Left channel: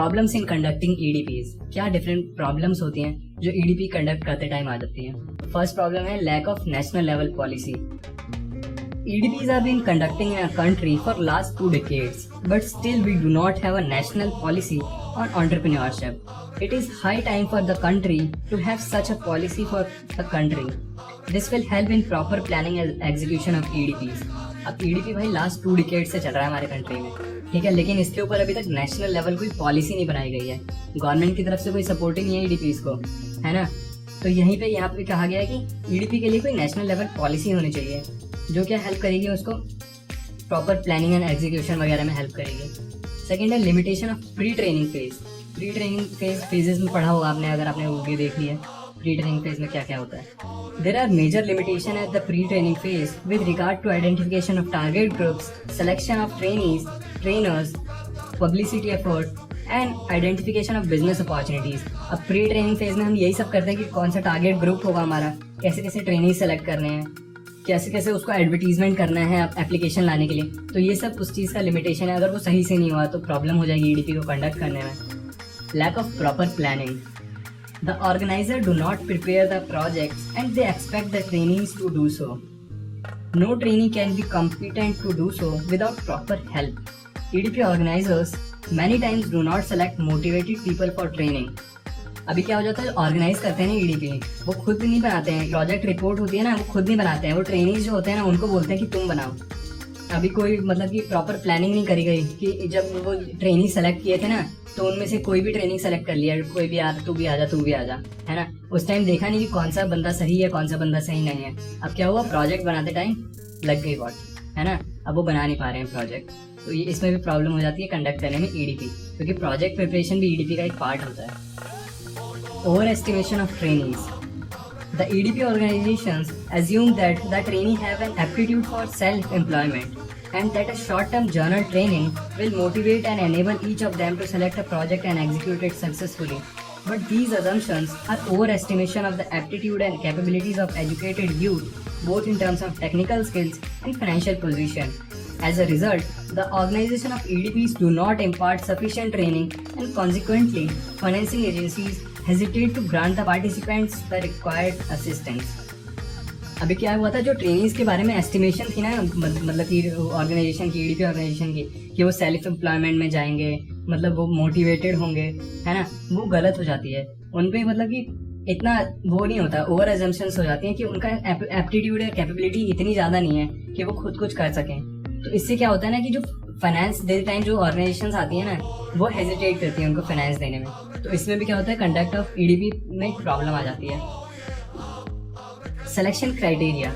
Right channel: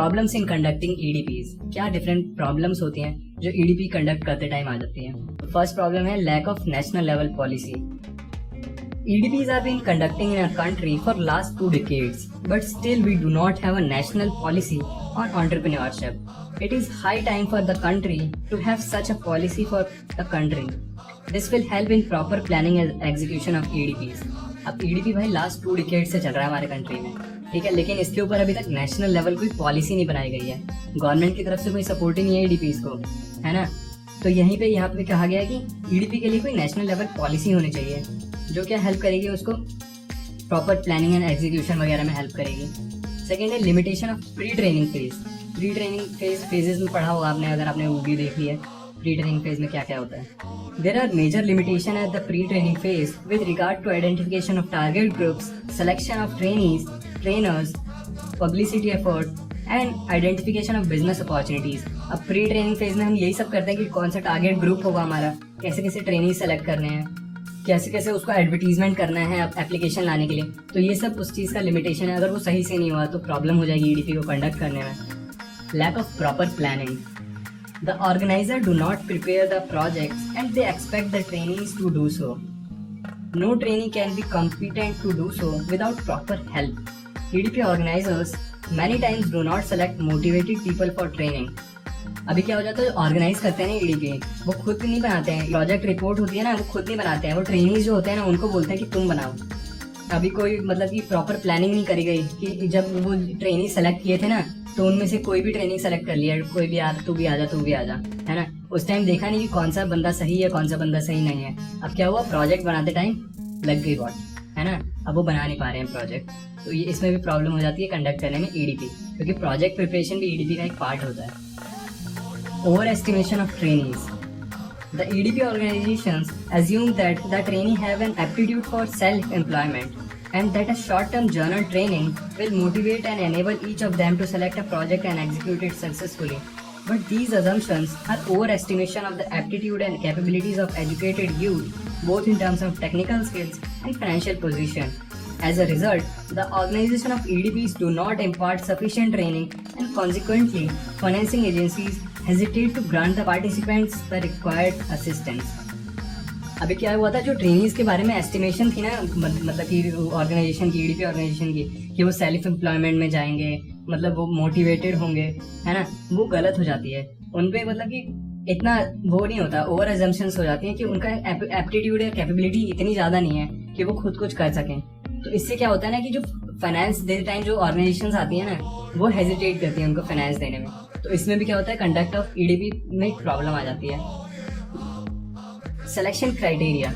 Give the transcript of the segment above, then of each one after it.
Problems in conducting ईडीपीज। क्या different problems होती हैं जो ईडीपी कंडक्ट करते टाइम आ जाती हैं। फर्स्ट प्रॉब्लम है lack of national level policy. EDPs have been conducting in our country for last 2 decades, but still we do not have a national policy on entrepreneurship. It is high time for the country to have such a policy for the country. This will help in proper planning and execution of EDPs. अब EDP भाई last 2 decade से चल रहा है हमारे country में, ठीक है, लेकिन इसके ऊपर अभी तक नेशनल लेवल कोई पॉलिसी नहीं बनाई गई है। गवर्नमेंट की तरफ से कोई सपोर्ट ही नहीं है EDPs को, है ना। तो यहीं पे यहाँ पे कहा गया है कि EDP के लिए कोई नेशनल लेवल पॉलिसी होनी चाहिए जो क्या हेल्प करेगी उसको प्रॉपर प्लानिंग एंड एग्जीक्यूशन वगैरह में हेल्प करेगी। सेकेंड है limitation of pre training phase. Pre training phases में पढ़ा होगा आपने, अगर आपने मूवी देख ली है। प्री ट्रेनिंग फेज में क्या क्या होता है। There are major limitation at the pre training phase with regard to identification of target groups, selection of trainers, publicity effort and identification of business opportunities. अब प्री ट्रेनिंग फेज में हम यही सब करते हैं कि कौन सा टारगेट ग्रुप होगा हमारा, कैसे कैसे ट्रेनिंग सेलेक्ट करने हैं, कैसे कैसे उसको एडवर्टीजमेंट करना है एप्लीकेशन लाने के लिए। तो ये सब उस चीज़ का लिमिटेशन है। अगर वो सही से नहीं हुआ तो प्रॉब्लम हो जाएगी EDP को कंडक्ट करने में। Lack of proper planning. The organiser do not prepare the project and they expect the trainings to do so. No training can be competent to do so without proper help. EDP organisers many times do not select motivated people for training. अभी क्या हो जाता है, organise करते हैं EDP, वो खुद भी नहीं बनाते हैं। प्रोजेक्ट रिपोर्ट होती है ना, वो खुद नहीं बनाते हैं। वो ट्रेनिंग्स जो होते हैं ना, उनको बोलते हैं कि तुम बनाओ। अभी कोई मतलब कि प्रॉपर प्लानिंग नहीं करी गई कि जब वो ट्रेनिंग सेलेक्ट किए थे ना, तो उनमें से कोई भी ट्रेनिंग सेलेक्ट कर लिया, कोई भी आ, तू भी आ जा, है ना। उस टाइम देखा नहीं कि कौन सा बंदा सही है, कौन सा बंदा सही नहीं है। अब क्या हुआ, प्रोजेक्ट बनाते टाइम लग गई बात, है ना। अब वो बना नहीं पा रहे हैं प्रोजेक्ट, तो ये इसमें भी प्रॉब्लम हो जाती है कंडक्ट करने में EDP, क्योंकि प्रोजेक्ट प्रिपरेशन भी EDP का एक पार्ट होता है। Over estimation of trainings. The EDP organizations assume that the trainee have an aptitude for self-employment and that a short-term journal training will motivate and enable each of them to select a project and execute it successfully. But these assumptions are overestimation of the aptitude and capabilities of educated youth, both in terms of technical skills and financial position. As a result, the organization of EDPs do not impart sufficient training and consequently, financing agencies hesitate to grant the participants the required assistance. अभी क्या हुआ था, जो trainings के बारे में estimation थी ना, मतलब कि ऑर्गेनाइजेशन की, EDP ऑर्गेनाइजेशन की, कि वो सेल्फ एम्प्लॉयमेंट में जाएंगे, मतलब वो मोटिवेटेड होंगे, है ना, वो गलत हो जाती है। उन पे मतलब कि इतना वो नहीं होता, ओवर एजम्पशंस हो जाती हैं कि उनका एप्टीट्यूड और कैपेबिलिटी इतनी ज़्यादा नहीं है कि वो खुद कुछ कर सकें। तो इससे क्या होता है ना कि जो फाइनेंस देते टाइम जो ऑर्गेनाइजेशंस आती हैं ना, वो हेजिटेट करती हैं उनको फाइनेंस देने में। तो इसमें भी क्या होता है, कंडक्ट ऑफ EDP में प्रॉब्लम आ जाती है। Selection criteria.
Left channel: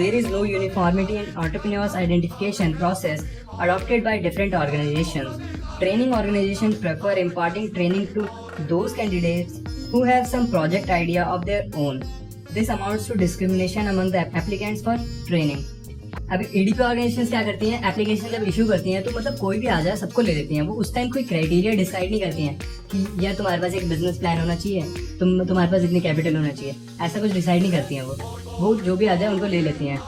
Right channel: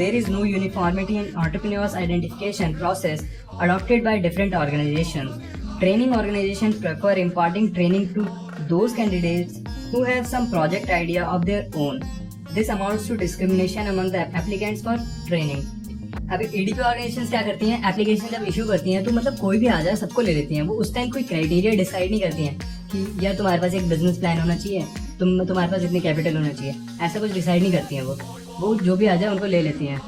There is no uniformity in entrepreneurs identification process adopted by different organizations. Training organizations prefer imparting training to those candidates who have some project idea of their own. This amounts to discrimination among the applicants for training. अभी EDP organisations क्या करती हैं, application जब issue करती हैं तो मतलब कोई भी आ जाए सबको ले लेती हैं। वो उस टाइम कोई क्राइटेरिया डिसाइड नहीं करती हैं कि यार तुम्हारे पास एक बिजनेस प्लान होना चाहिए, तुम्हारे पास इतनी कैपिटल होना चाहिए, ऐसा कुछ डिसाइड नहीं करती हैं। वो जो भी आ जाए उनको ले लेती हैं,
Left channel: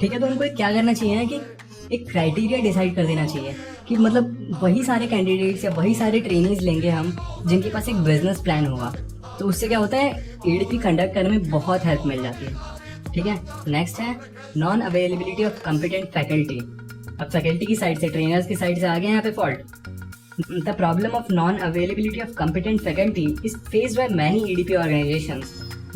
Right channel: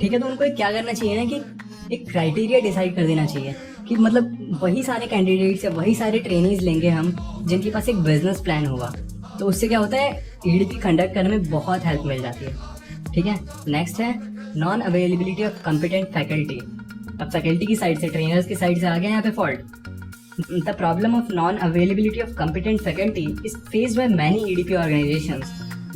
ठीक है। तो उनको क्या करना चाहिए ना कि एक क्राइटेरिया डिसाइड कर देना चाहिए कि मतलब वही सारे कैंडिडेट्स या वही सारे ट्रेनिंग्स लेंगे हम जिनके पास एक बिजनेस प्लान होगा। तो उससे क्या होता है, EDP कंडक्ट करने में बहुत हेल्प मिल जाती है, ठीक है। नेक्स्ट है non availability of competent faculty. अब फैकल्टी की साइड से, ट्रेनर्स की साइड से आ गए यहाँ पे fault. The problem of non availability of competent faculty is faced by many EDP organisations.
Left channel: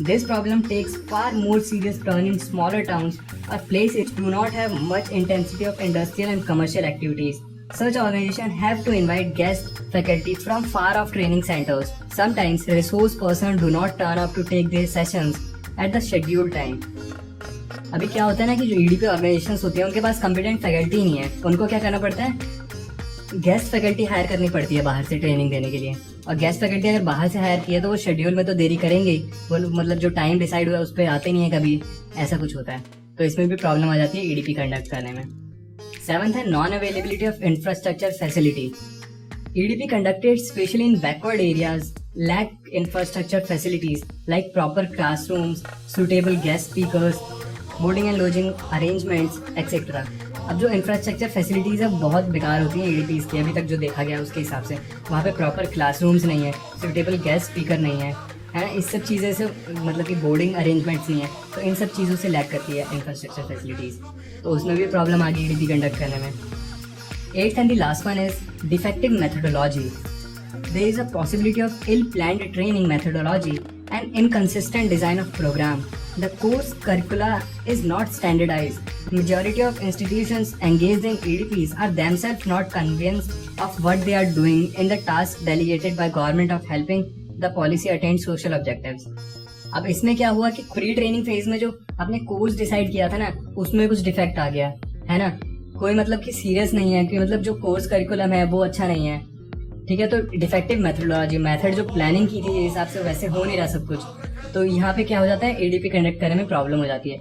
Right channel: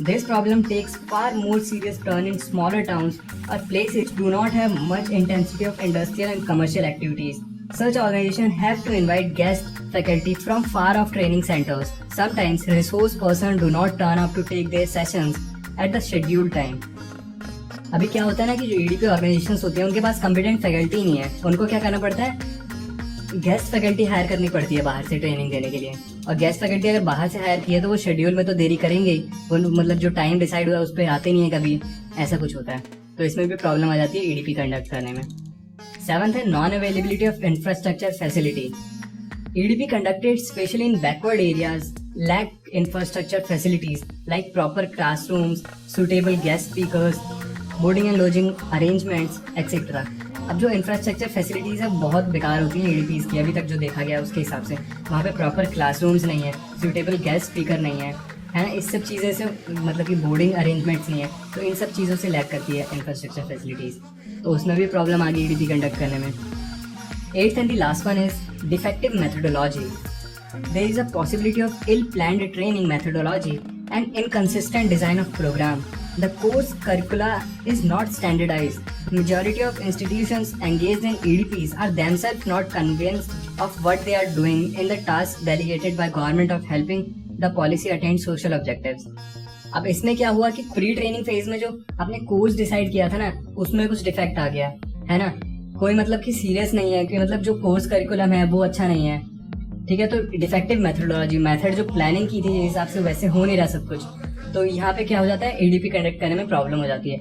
This problem takes far more serious turn in smaller towns or places which do not have much intensity of industrial and commercial activities. Such organizations have to invite guest faculty from far off training centers. Sometimes resource persons do not turn up to take their sessions at the scheduled time. अभी क्या होता है ना कि जो EDP organisations होते हैं उनके पास कॉम्पिटेंट फैकल्टी नहीं है, उनको क्या करना पड़ता है, गेस्ट फैकल्टी हायर करनी पड़ती है बाहर से ट्रेनिंग देने के लिए। और गेस्ट फैकल्टी अगर बाहर से हायर की है तो वो शेड्यूल में तो देरी करेंगे, वो मतलब जो टाइम डिसाइड हुआ उस पर आते नहीं है कभी, ऐसा कुछ होता है। तो इसमें भी प्रॉब्लम आ जाती है EDP कंडक्ट करने में। 7th है non availability of infrastructure facility. EDP conducted especially in backward areas lack infrastructure facilities like proper classrooms, suitable guest speakers, boarding and lodging arrangements, etc. अब जो इंफ्रास्ट्रक्चर फैसिलिटीज़ है बहुत बेकार होती हैं एडीपीज़ की, अभी तक जो देखा गया उसके हिसाब से। वहाँ पे प्रॉपर क्लासरूम्स नहीं है, सूटेबल गेस्ट स्पीकर नहीं है, इस सब चीज़ें से मतलब कि बोर्डिंग अरेंजमेंट्स नहीं है, तो इन सब चीज़ों से लैक करती है इंफ्रास्ट्रक्चर फैसिलिटीज़, तो उसमें भी प्रॉब्लम आ गई ईडीपी कंडक्ट करने में। Eighth and the last one is defective methodology. There is a possibility of ill-planned training methodology and inconsistent design of program. The course curricula is not standardized. Majority of institutions engaged in EDPs are themselves not convinced of what they are doing in the task delegated by government of helping the policy attain social objectives. अब इसमें क्या हुआ कि pre training phase में जो आपने course decide किया था ना, उसमें कुछ डिफेक्ट आ गया है ना, कोई मतलब कि सीरियस नहीं है कि मतलब जो कोर्स करिकुलम है वो अच्छा नहीं है, ठीक है। तो डिफेक्टिव मेथोडोलॉजी, मेथड जो प्लानिंग की थी जिस हिसाब से वैसे हो नहीं रहा सब कुछ, तो यहाँ पे क्या हो जाता है, एडीपी कंडक्ट करने में प्रॉब्लम हो जाती है।